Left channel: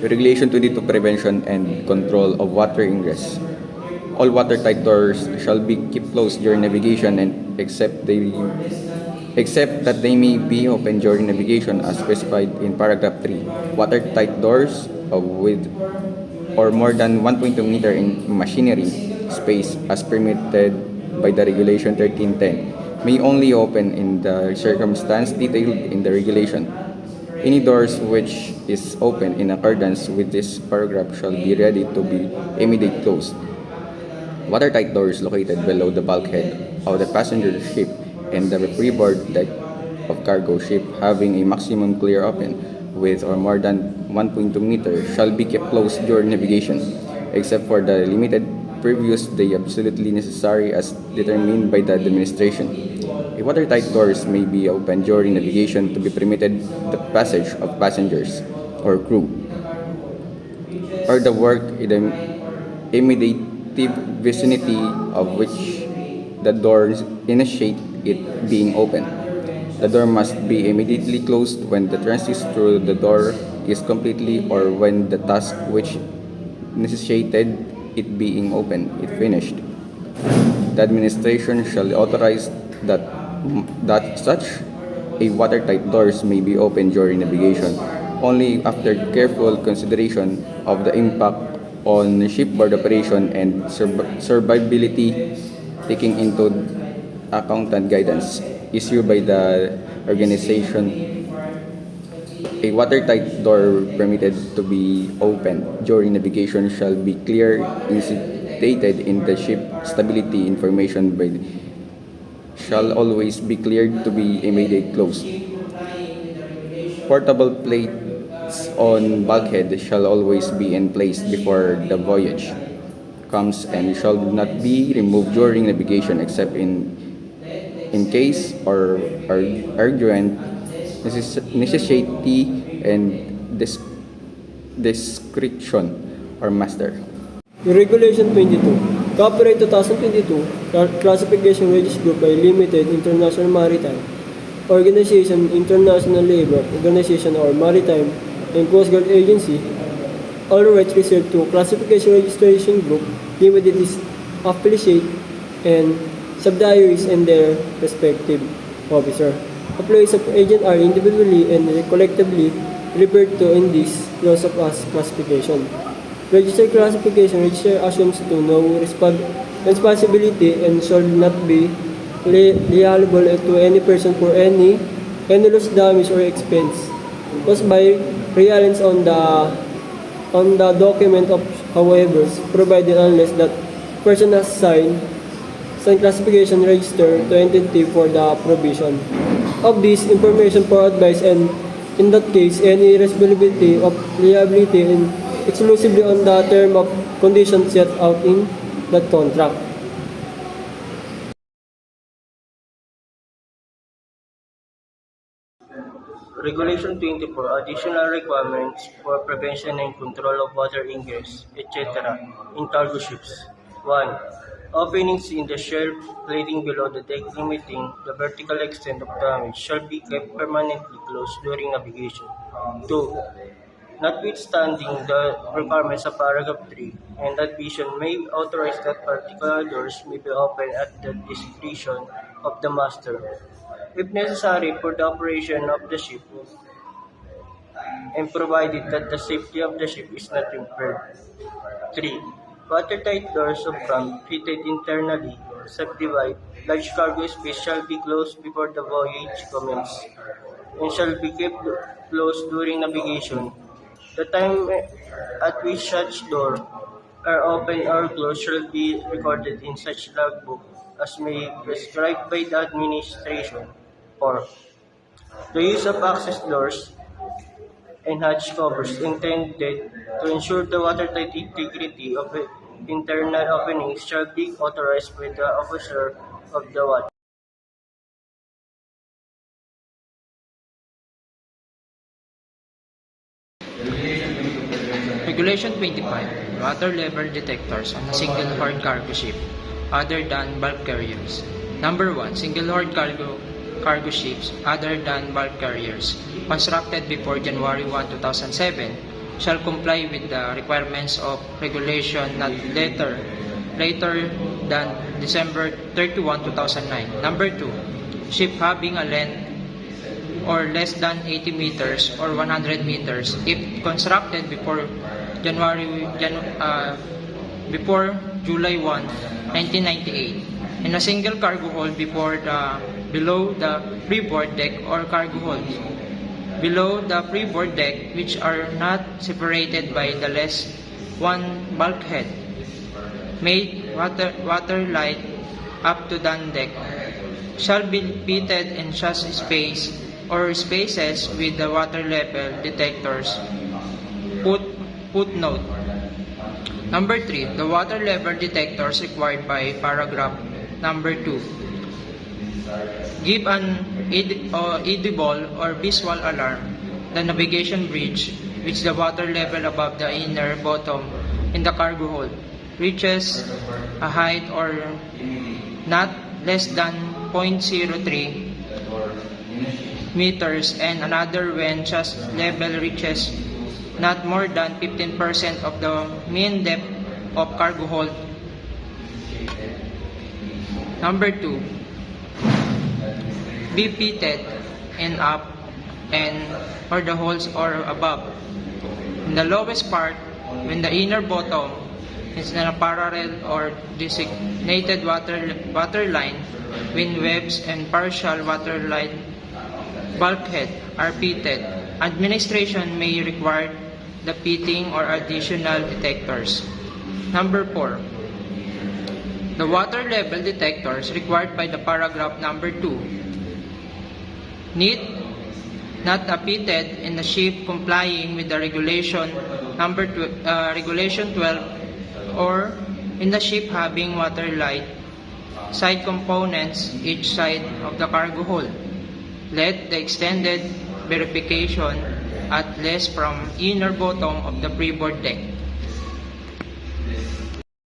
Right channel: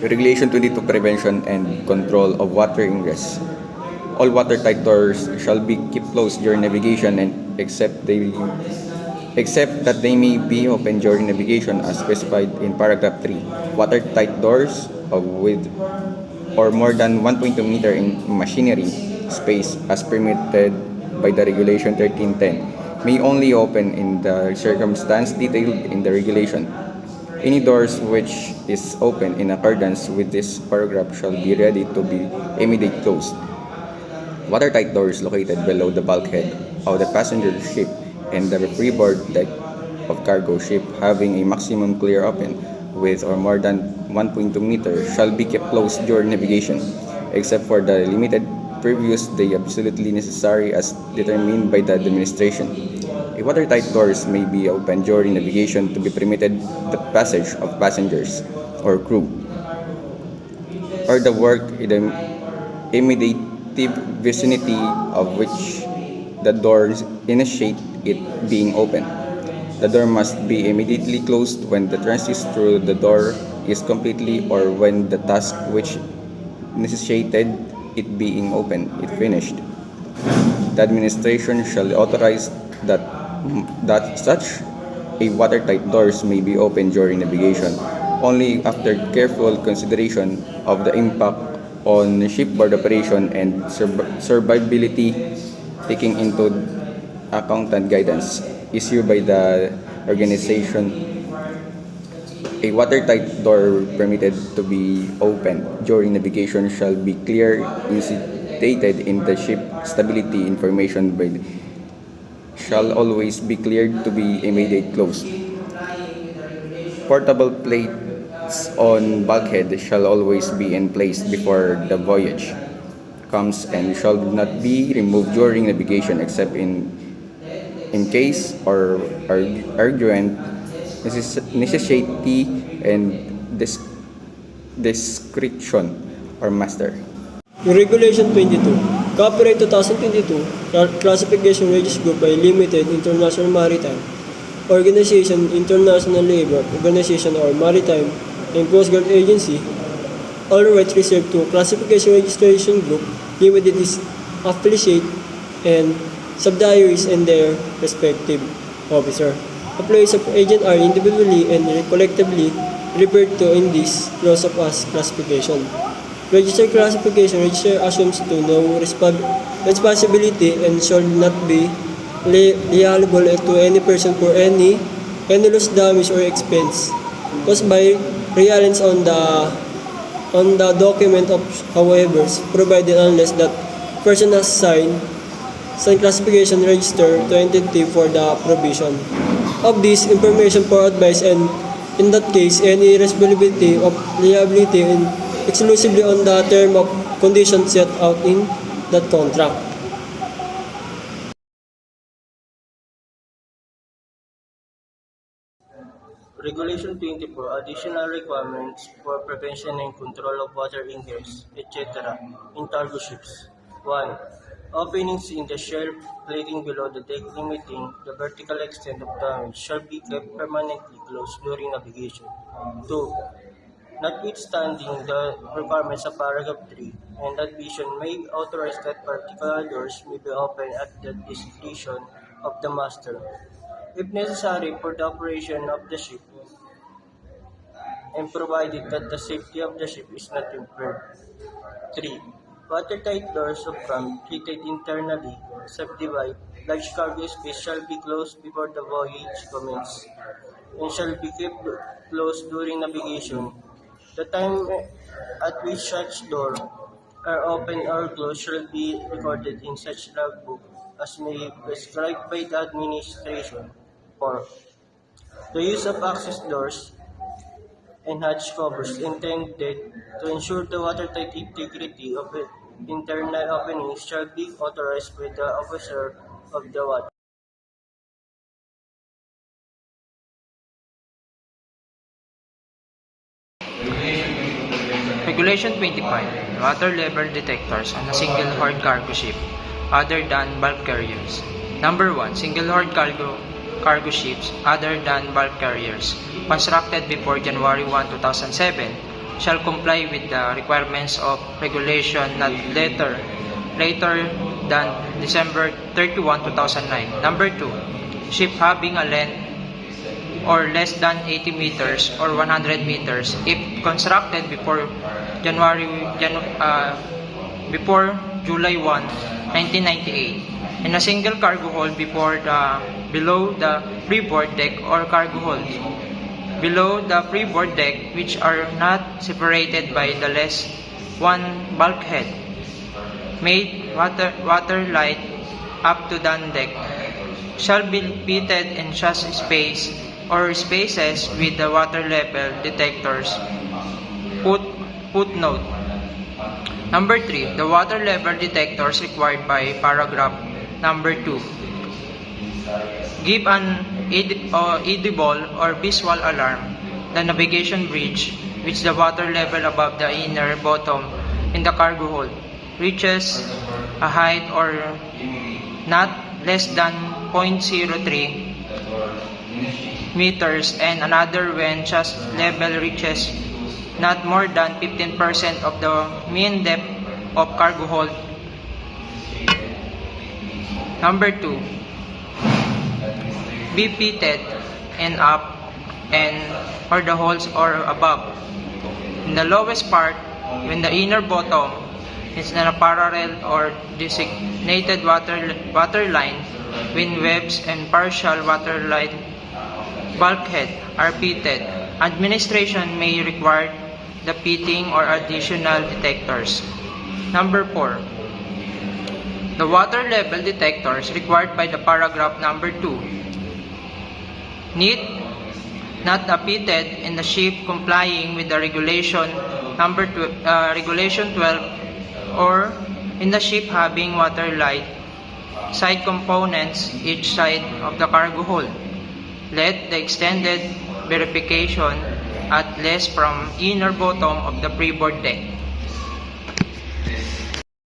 Regulation 22 Prevention and Control of Water Ingress. All watertight doors shall be kept closed during navigation and except that they may be open during navigation as specified in paragraph 3. Watertight doors with or more than 1.2 meter in machinery space as permitted by the Regulation 1310 may only open in the circumstance detailed in the regulation. Any doors which is open in accordance with this paragraph shall be ready to be immediately closed. Watertight doors located below the bulkhead of the passenger ship and the freeboard deck of cargo ship having a maximum clear open width or more than 1.2 meters shall be kept closed during navigation, except for the limited previous the absolutely necessary as determined by the administration. A watertight doors may be opened during navigation to be permitted the passage of passengers or crew, or the work in the immediate vicinity of which the doors initiate it being open. The door must be immediately closed when the transit through the door is completely or when the task which necessitated it being open is finished. The administration shall authorize that such a watertight doors may be opened during navigation only after careful consideration of the impact on shipboard operation and survivability, taking into account guidance issued by the organization. A watertight door permitted to be opened during navigation shall be clearly stated in the ship stability information by shall always be cleared to be immediately closed. Portable plates on bulkhead shall always be in place before the voyage comes and shall not be removed during navigation except in case or urgent necessity and discretion or master. Regulation 22, Copyright 2022, Classification Register Group by Limited International Maritime Organization, International Labour Organization or Maritime and Coast Guard Agency. All rights reserved to Classification Registration Group Limited is affiliate and subsidiaries and their respective officer. Employees of agent are individually and collectively referred to in this clause of as classification. Registered classification register assumes to no responsibility and shall not be liable to any person for any loss, damage, or expense caused by reliance on the document of however provided unless that person has signed classification register to entity for the provision of this information for advice, and in that case any responsibility of liability in exclusively on the term of conditions set out in that contract. Regulation 24, Additional Requirements for Prevention and Control of Water Ingress, etc. in cargo ships. 1. Openings in the shelf plating below the deck limiting the vertical extent of damage shall be kept permanently closed during navigation. 2. Notwithstanding the requirements of paragraph 3, and addition may authorize that particular doors may be opened at the discretion of the master, if necessary for the operation of the ship, and provided that the safety of the ship is not impaired. 3. Watertight doors of crank fitted internally subdivide large cargo space shall be closed before the voyage commences, and shall be kept closed during navigation. The time at which such doors are opened or closed shall be recorded in such logbook as may be prescribed by the administration. 4. The use of access doors and hatch covers intended to ensure the watertight integrity of the internal openings shall be authorized by the officer of the watch. Regulation 25, Water level detectors on a single horde cargo ship other than bulk carriers. Number 1. Single horde cargo ships other than bulk carriers constructed before January 1, 2007 shall comply with the requirements of regulation not later than December 31, 2009. Number 2, ship having a length or less than 80 meters or 100 meters if constructed before July 1, 1998, and a single cargo hold below the freeboard deck or cargo hold below the freeboard deck which are not separated by the less one bulkhead, made waterlight up to down deck, shall be fitted in chassis space or spaces with the water level detectors. Footnote. Number 3, the water level detectors required by paragraph number 2 give an audible or visual alarm the navigation bridge which the water level above the inner bottom in the cargo hold reaches a height or not less than 0.03 meters, and another when chest level reaches not more than 15% of the mean depth of cargo hold. Number 2, be fitted and up and or the holes or above. In the lowest part, when the inner bottom is in a parallel or designated water line, when webs and partial water line bulkhead are fitted, administration may require the fitting or additional detectors. Number 4, the water level detectors required by the paragraph number 2 need not fitted in the ship complying with the regulation regulation 12 or in the ship having waterlight side components each side of the cargo hold. Let the extended verification at least from inner bottom of the freeboard deck.